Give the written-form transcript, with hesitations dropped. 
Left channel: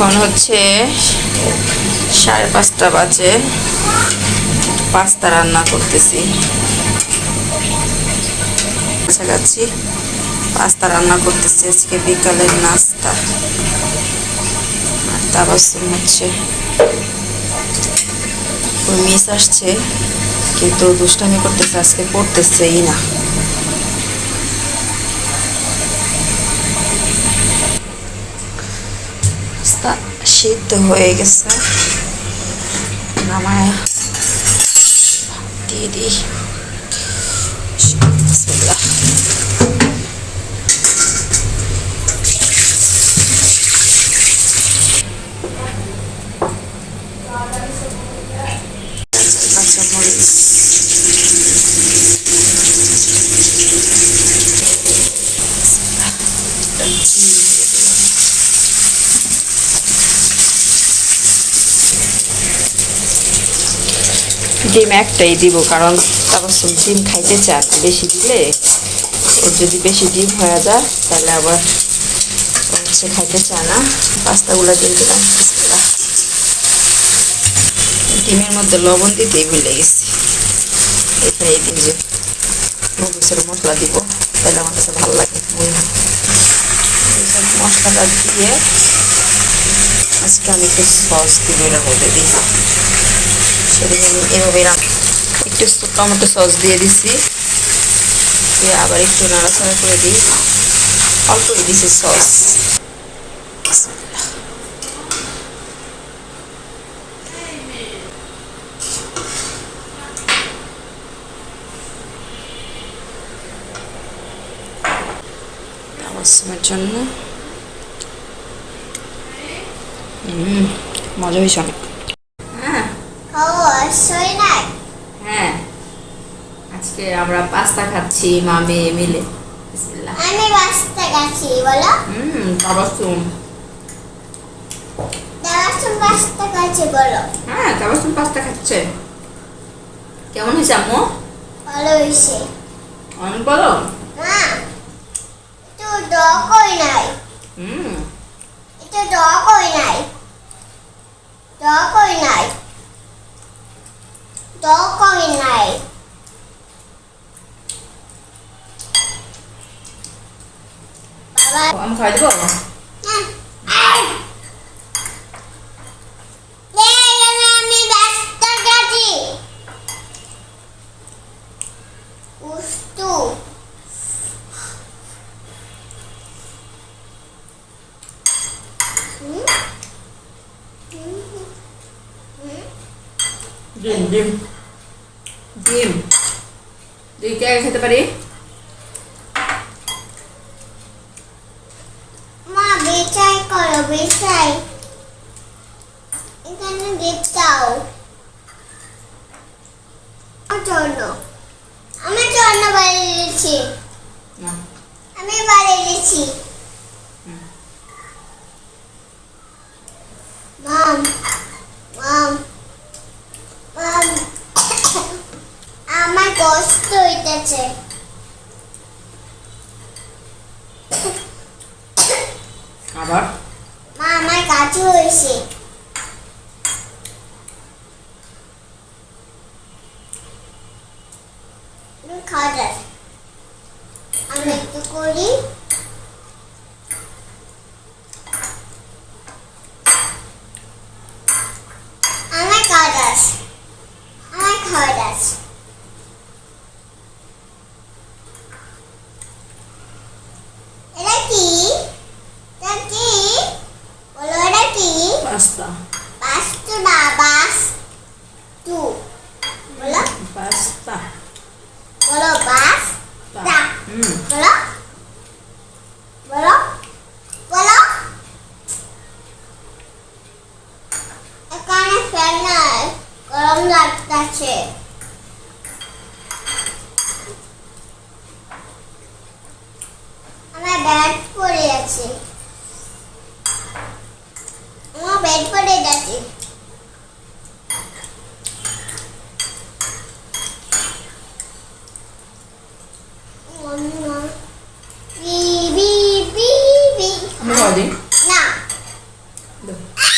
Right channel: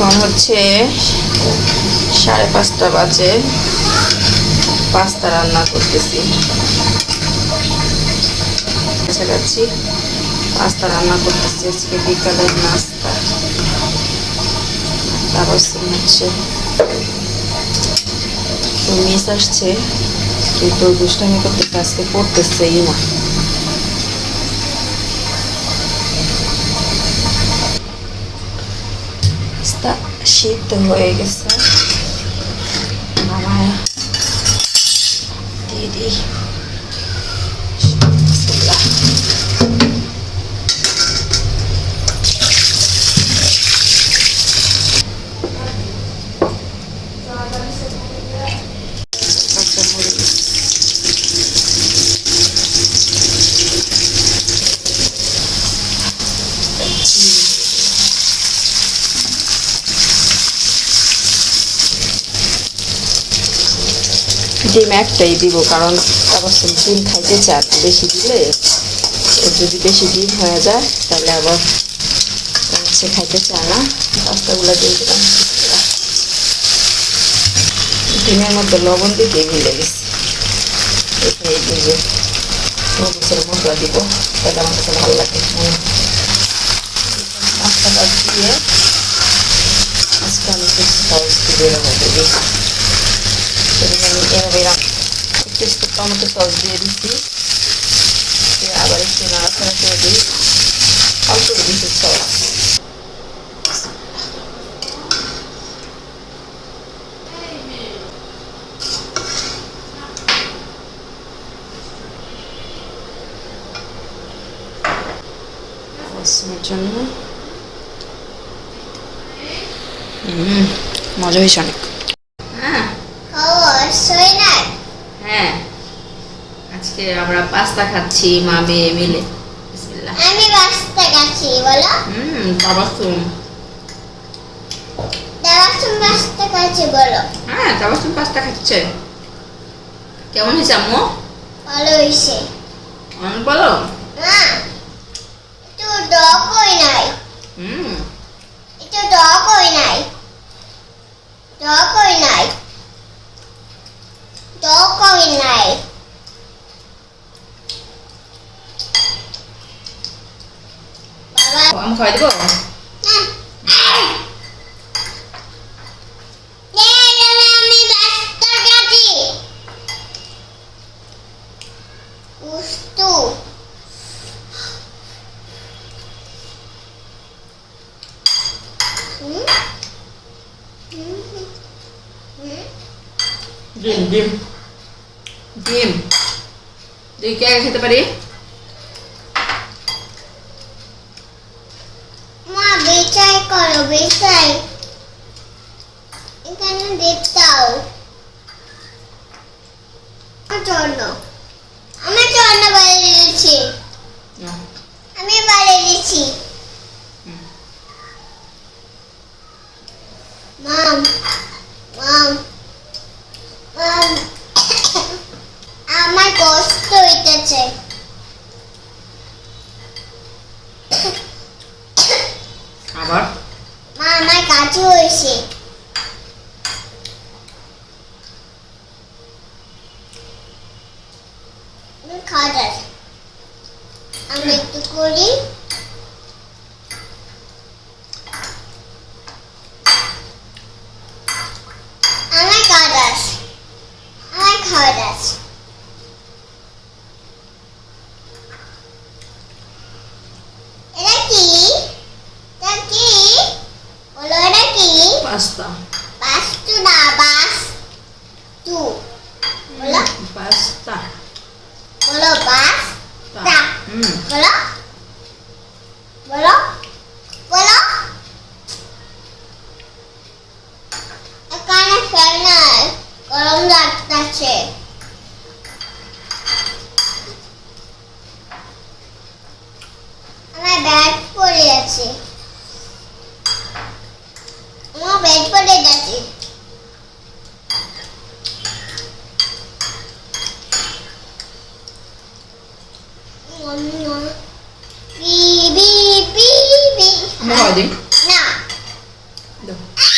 এখন হচ্ছে 5:30 বাজে, পাস্তা রান্না করতেছি। কাছাকাছি পাস্তা রান্না করতেছি আজকে বিকালের নাস্তা। আর তাবাসসুম হচ্ছে ওই মিস আসছে, কিন্তু দুষ্টামি করতেছে, আজকে পড়তেছেই না। পাস্তা সিদ্ধ হয়ে গেছে, নামায় দিয়ে দিই। কাঁচামরিচ, ডিম একটাই দিব, কারণ তারপর ডিম খাইতে চায়, বেশি দিলে ওর যদি বেশি ডিম হয়ে যায় তাহলে আবার সে খাইতে চায় না। পাস্তাগুলো দিয়ে দিলাম। ডিমের মধ্যে লবণ দিতে ভুলে গেছি। এখানে এই যে মরিচের মশলা দিব, তাহলে আমার কাছে ভালো লাগে। মশলাটা দিয়ে আজকে আমি একটু সস দিব এর মধ্যে দিই। সেদিন আমি এভাবে একটু টমেটো সস দিয়ে দিছি, দিয়ে আবার একটু নাড়াচাড়া করে দিই। অল্প দিছি সস। তাবাসসুমের জন্য মজা হয়েছে অনেক। হ্যাঁ, আজকে আমরা পাস্তা খাচ্ছি মা মেয়ে মিলে। বিসমিল্লাহ। আমি পাস্তা খাচ্ছি, বলো। তাবাসসুম পাস্তা খাচ্ছি, বলো। হ্যাঁ, তাবাসসুম পাস্তা খাচ্ছে। কেমন হয়েছে আম্মু? ভালো হয়েছে। অনেক ভালো। মা, একটু টক হই নাই। একটু টক হই নাই। টক হই নাই। টক হই নাই। বাবা, আমি খাওয়াই দেবো। আমি পাস্তা খাচ্ছি। উস্তু ডিম ডিম ডিম তুই কে খেতে পারি? মা, বেচাই করো, বেচাই। এখানে দেখতাও আমার জন্য বাইরে দিয়েছি। আমি বাইরে দিয়েছি। মাম মাম মাম, আমার কষ্ট হইতেছে। আবার মা, আমার কাজু হয়েছে। খাওয়া যায়। আমি একটু করি। আমার খাওয়া দাস, আমার খাওয়া দাস। এটা কি? এটা কি? বলো, এটা কি? পাস্তা। পাস্তু না, বাস তু। বলো পাস্তা। বলো বাস তা। বলো বলো বলো। এখানে ফ্যান নাই, গরম লাগতেছে। আমার ব্যাগ পড়ে আছে। আমার ব্যাগ পড়ে গেছে। আমি খাওয়াই দিই। না, দাও